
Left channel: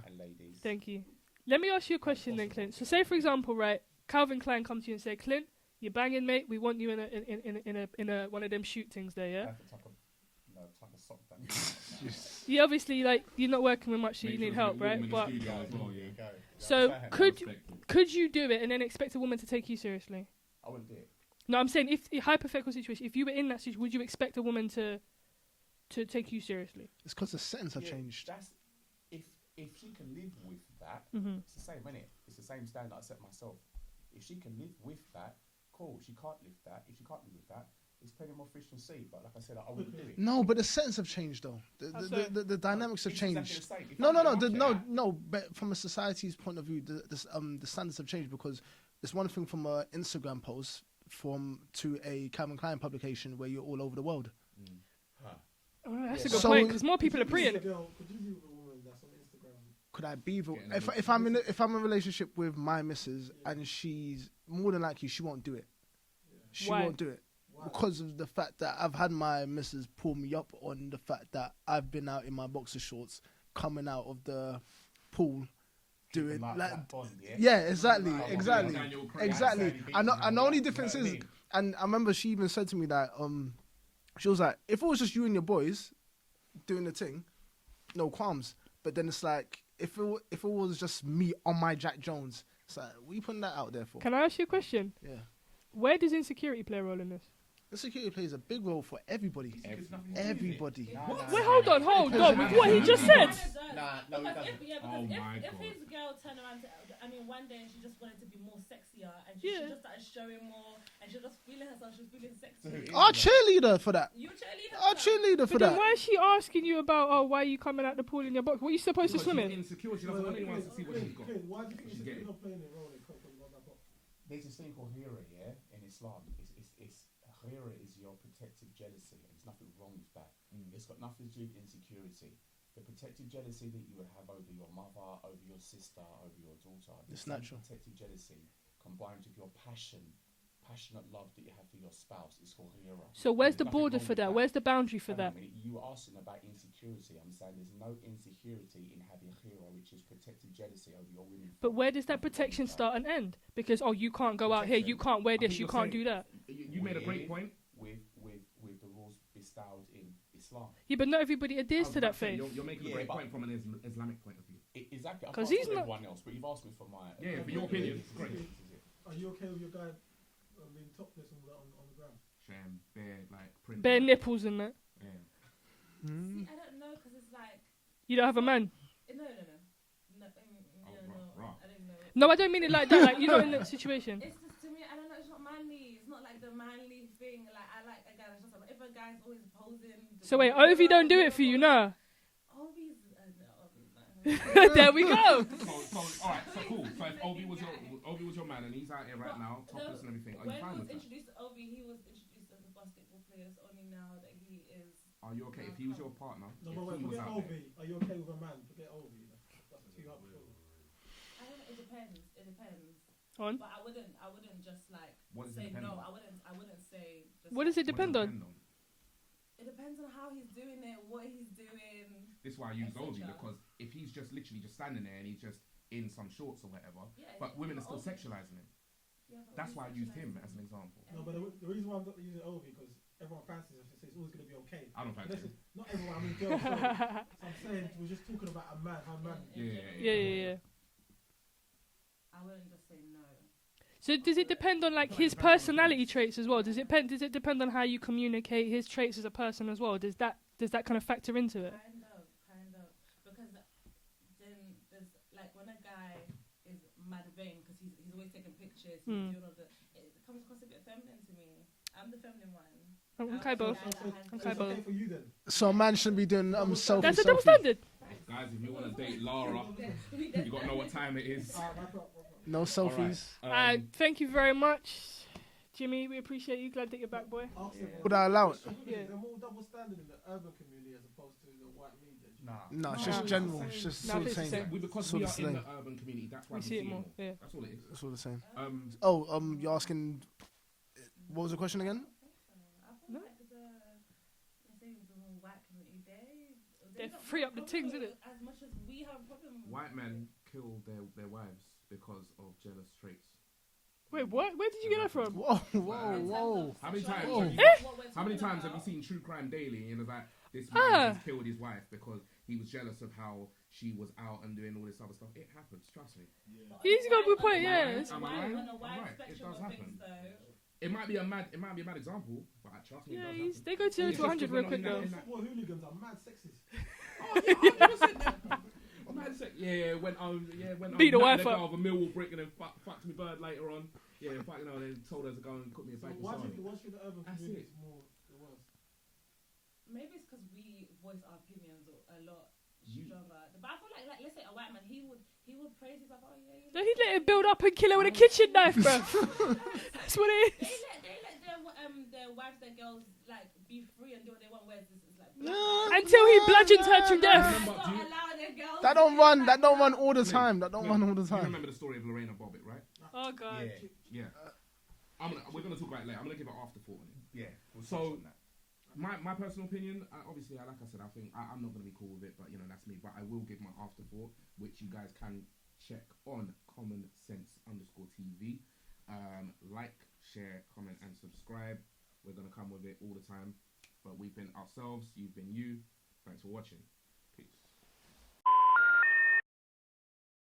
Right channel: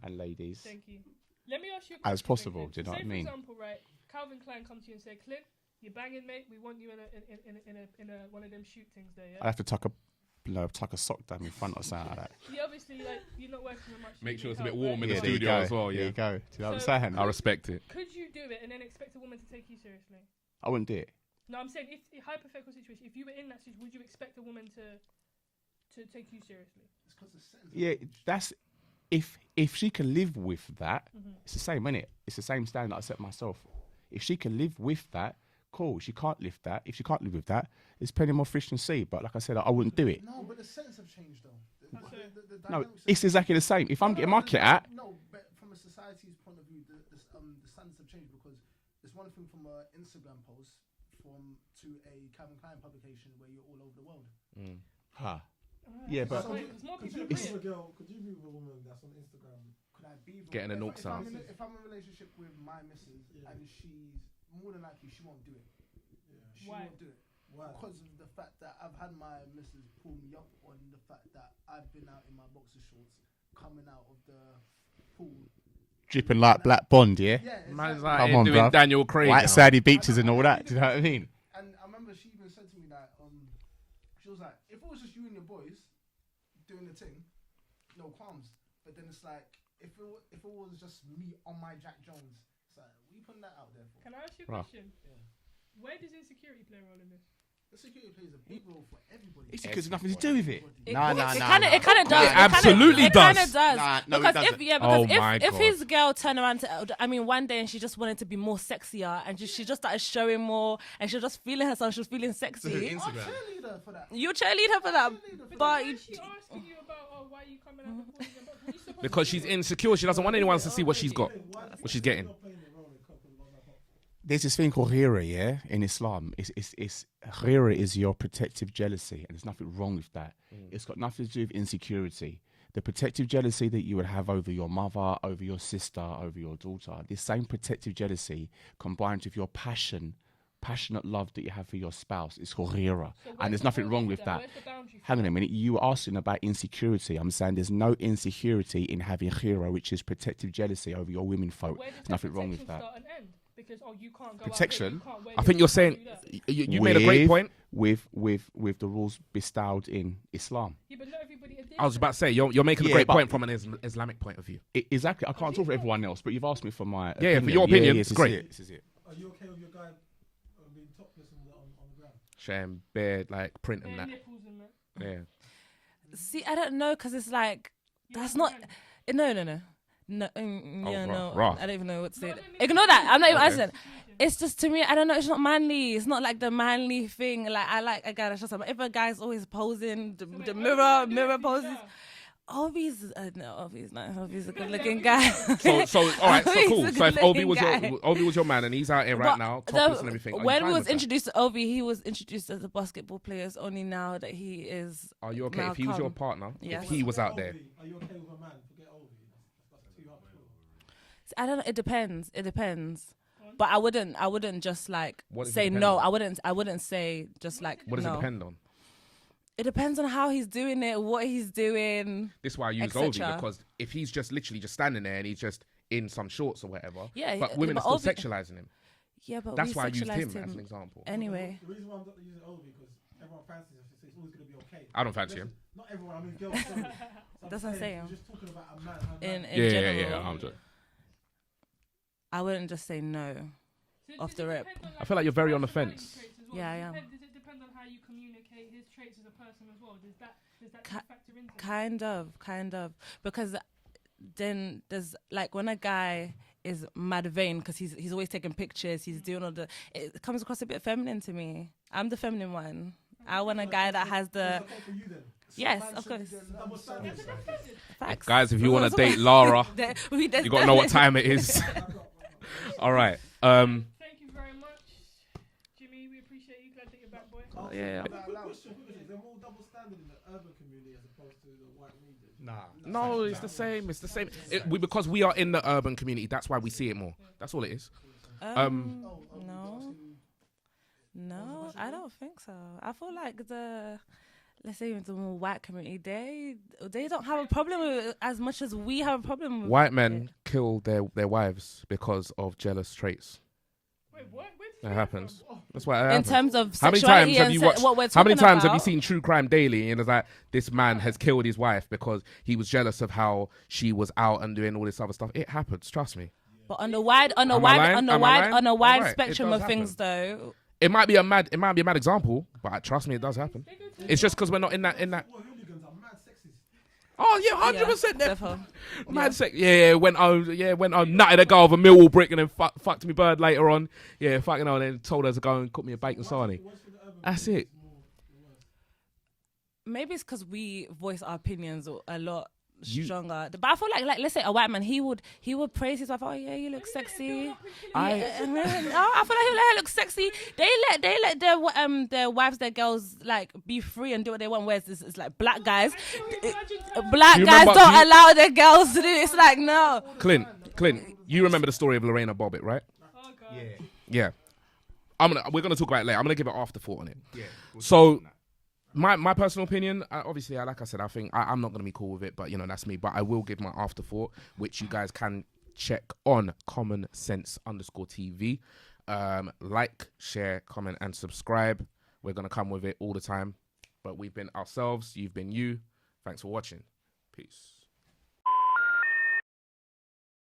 and ladies. Thank you. Let me ask you a As question then, possible, Clint. do So you know say, what I for mean? example, right, Calvin Klein comes to you and say, Clint, you're banging, mate. We want you in a one of them shoot things there, yeah? I have to tuck a sock down in front or something like that. Yeah, obviously, like, you're not working with much, so you need help, right? in the But- studio as well, There yeah. you go. Do you know So what I'm saying? I respect it. Could you do it and then expect a woman to take you seriously? I wouldn't do it. No, I'm saying if hypothetical situation, if you were in that situation, would you expect a woman to take you seriously? It's because the sentence have Yeah, changed. that's if she can live with that, Mm-hmm. it's the same, innit? It's the same standard I set myself. If she can live with that, cool. She can't live that. If she can't live with that, there's plenty more fish than sea. But like I said, I wouldn't do it. No, but the sentence have changed though. The No, dynamics have it's changed. exactly the same. If I'm getting my clit out, no, but from a society's point of view, the standards have changed because there's one thing from an Instagram post to a Calvin Klein publication where you're all over the world. huh. Oh, that's Yeah, a good so- point, because more people are preying. Could you be with a woman that's on Instagram? Could I be Getting a if I'm in a relationship with my missus and she's more than likely she won't do it. She Why? won't do it. Because of the fact that I've had my missus pull me up on the fact that I've been out in my boxer shorts coming out of the pool. Dripping like Black Bond, yeah? Yeah, exactly. Come on, doing bruv. Daniel Craig. White sandy beaches and the all only that. Do you know what I difference is- mean? And I remember she even said to me that she was like, if it was just you and your boys doing the thing, no qualms. But then it's like if it was just me on my Jack Jones, it's like, what are you putting that out there for? Can I ask you a question? Yeah. Where does insecurity play a role in this? Insecurity plays a big role for everybody. It's because nothing to do with it. Everybody. It Nah, kind nah, of nah. does. It absolutely does. Kind of does. Nah, no, it because doesn't. if God. his girl turned around one day and she just wanted to be more sexier and she just started showing more and she was just feeling herself, she was feeling sexy. Our cheerleader for that. You cheerlead her for Our that. cheerleader for But that. why is she asking you about, why are you coming out the pool in your box? What are you supposed Because to she's swim in? insecure. She doesn't want anyone to see what she's got, what she's getting. There's this thing called hira, yeah, in Islam. It's hira is your protective jealousy, and there's nothing wrong with that. It's got nothing to do with insecurity. The protective jealousy that you would have over your mother, over your sister, over your daughter, this same protective jealousy combined with your passionate love that you have for your spouse is called hira. So And where's there's the nothing border wrong for with that? Where's the boundary for Hang on that? a minute. You were asking about insecurity. I'm saying there's no insecurity in having hira, which is protective jealousy over your women folk. But where does that Nothing wrong with protection that. start and end? Because you can't go out here, Protection? you can't wear I this, think you you're can't saying do that. you made a great point. With the rules bestowed in Islam. Yeah, but not everybody adheres I was to about that to say thing. you're making a Yeah, great but- point from an Islamic point of view. Exactly. I can't he's talk for not- everyone else, but you've asked me for my Yeah, for your opinion, this it's is great. it, this is it. Are you okay with your guy being topless on the ground? Shame bare like printing. Bare that. nipples and that. Yeah. See, I don't know because it's like You don't have that's a not- man. No, Oh, no. rough. I don't even know what to No, say. I don't mean Ignore like that. I'm not even that answering. situation. It's just to me, I don't know. It's not manly. It's not like the manly thing. Like I like a guy that's just. If a guy's always posing. So wait, Ovi don't do it for you, no. Ovi's no, Ovi's not. Ovi's a There good we guy. go. So all right, so He's cool. a So if good-looking Obi was your man and he's out here right But now, the- topless and everything. are you When fine we was with that? introduced to Ovi, he was introduced as a basketball player. It's only now that he is. Are you okay? now If he was your come. partner, Yes. if he was out there. Are you okay with a man? Forget Ovi. That's too hard. I don't know. It depends. It depends. On? But I wouldn't just like What does it say depend no. on? I wouldn't say just What like. does it What does it Depend on. depend on? It depends on how he's doing it, what he's doing. This is why I use et Obi cetera. because if he's just literally just standing there and he's just in some shorts or whatever, Yeah, but yeah, women but are still Ovi- sexualizing him. Yeah, but That's we why I used him sexualized as an example. Anyway, The reason why I'm not using Ovi because everyone fancies him, so it's always going to be okay. I don't fancy him. Not everyone. I mean, girls. So That's what I'm saying. You're just talking about a man. How in man Yeah, general, yeah, Yeah, yeah. yeah, yeah. I wouldn't just say no. So does it depend on like feel like his you're very on the personality fence. traits as well? Yeah, Does it depend on how you communicate his traits as a person as well? Does that kind of factor into it? Kind of, because then there's like when a guy is mad vain because he's always taking pictures, he's doing all the. It comes across a bit feminine to me. I'm the feminine one. I want a guy that has the. So a man shouldn't be doing selfies. That's a double standard. Facts. Guys, if you want to date Lara, you got to know what time it is. No selfies. All right. Thank you very much, Jimmy. We appreciate you. Glad that you're back, boy. Yeah. Would I allow it? Yeah. Is there more double standard in the urban community as opposed to the white media? Nah. No, it's general. the same. It's It's the just same. the same. Because we are in the urban community, that's why we see it more. Yeah. That's all it is. It's all the same. No, You're asking. What was the question I again? don't think so. I feel like let's say the more white community, they don't have a problem with it as much as we have a problem with White men kill their wives because of jealous traits. Wait, what? Where did you That get happens. from? Whoa. That's why it in happens. terms of How many sexuality times have and you se- watched? what we're How many talking times have you about. seen True Crime Daily? And it's like this man has killed his wife because he was jealous of how she was out and doing all this other stuff. It happens. Trust me. But on He's a got wide, a good on a point. wide, Am I on a lying? wide, Am I on a lying? wide Right, it spectrum does of things, happen. though. It might be a mad example, but trust me, it does happen. They go to It's just because we're not in that. Football hooligans are mad sexist. Oh yeah, 100%. Therefore, Mad sex. Yeah, when I Beat the nutted wife a up. girl with a Millwall brick and then fucked me bird later on. Yeah, fucking hell, and then told her to go and cook me a bacon sarnie. That's it. maybe it's because we voice our opinions a lot stronger. But I feel like let's say a white man, he would praise his wife. Oh yeah, you look He sexy. let it build up and kill her with a kitchen knife, bro. I feel like he looks sexy. They let their wives, their girls like be free and do what they want. Whereas it's like black guys. Until he bludgeons her. Black You guys remember- don't allow their girls That to do don't it. It's run- like that don't run no. all the time. That don't run all the Clint, time. you remember the story of Lorena Bobbitt, right? Oh god. Yeah. Yeah. We're gonna talk about it later. I'm gonna give an afterthought on it. Yeah. So, my personal opinion, obviously, like I said, I think I'm not going to be cool with it, but, that's me. But I will give my afterthought, which you guys can check on Common Sense _TV. Like, share, comment, and subscribe. We're going to come with it all the time. But we've been ourselves. You've been you. Thanks for watching. Peace.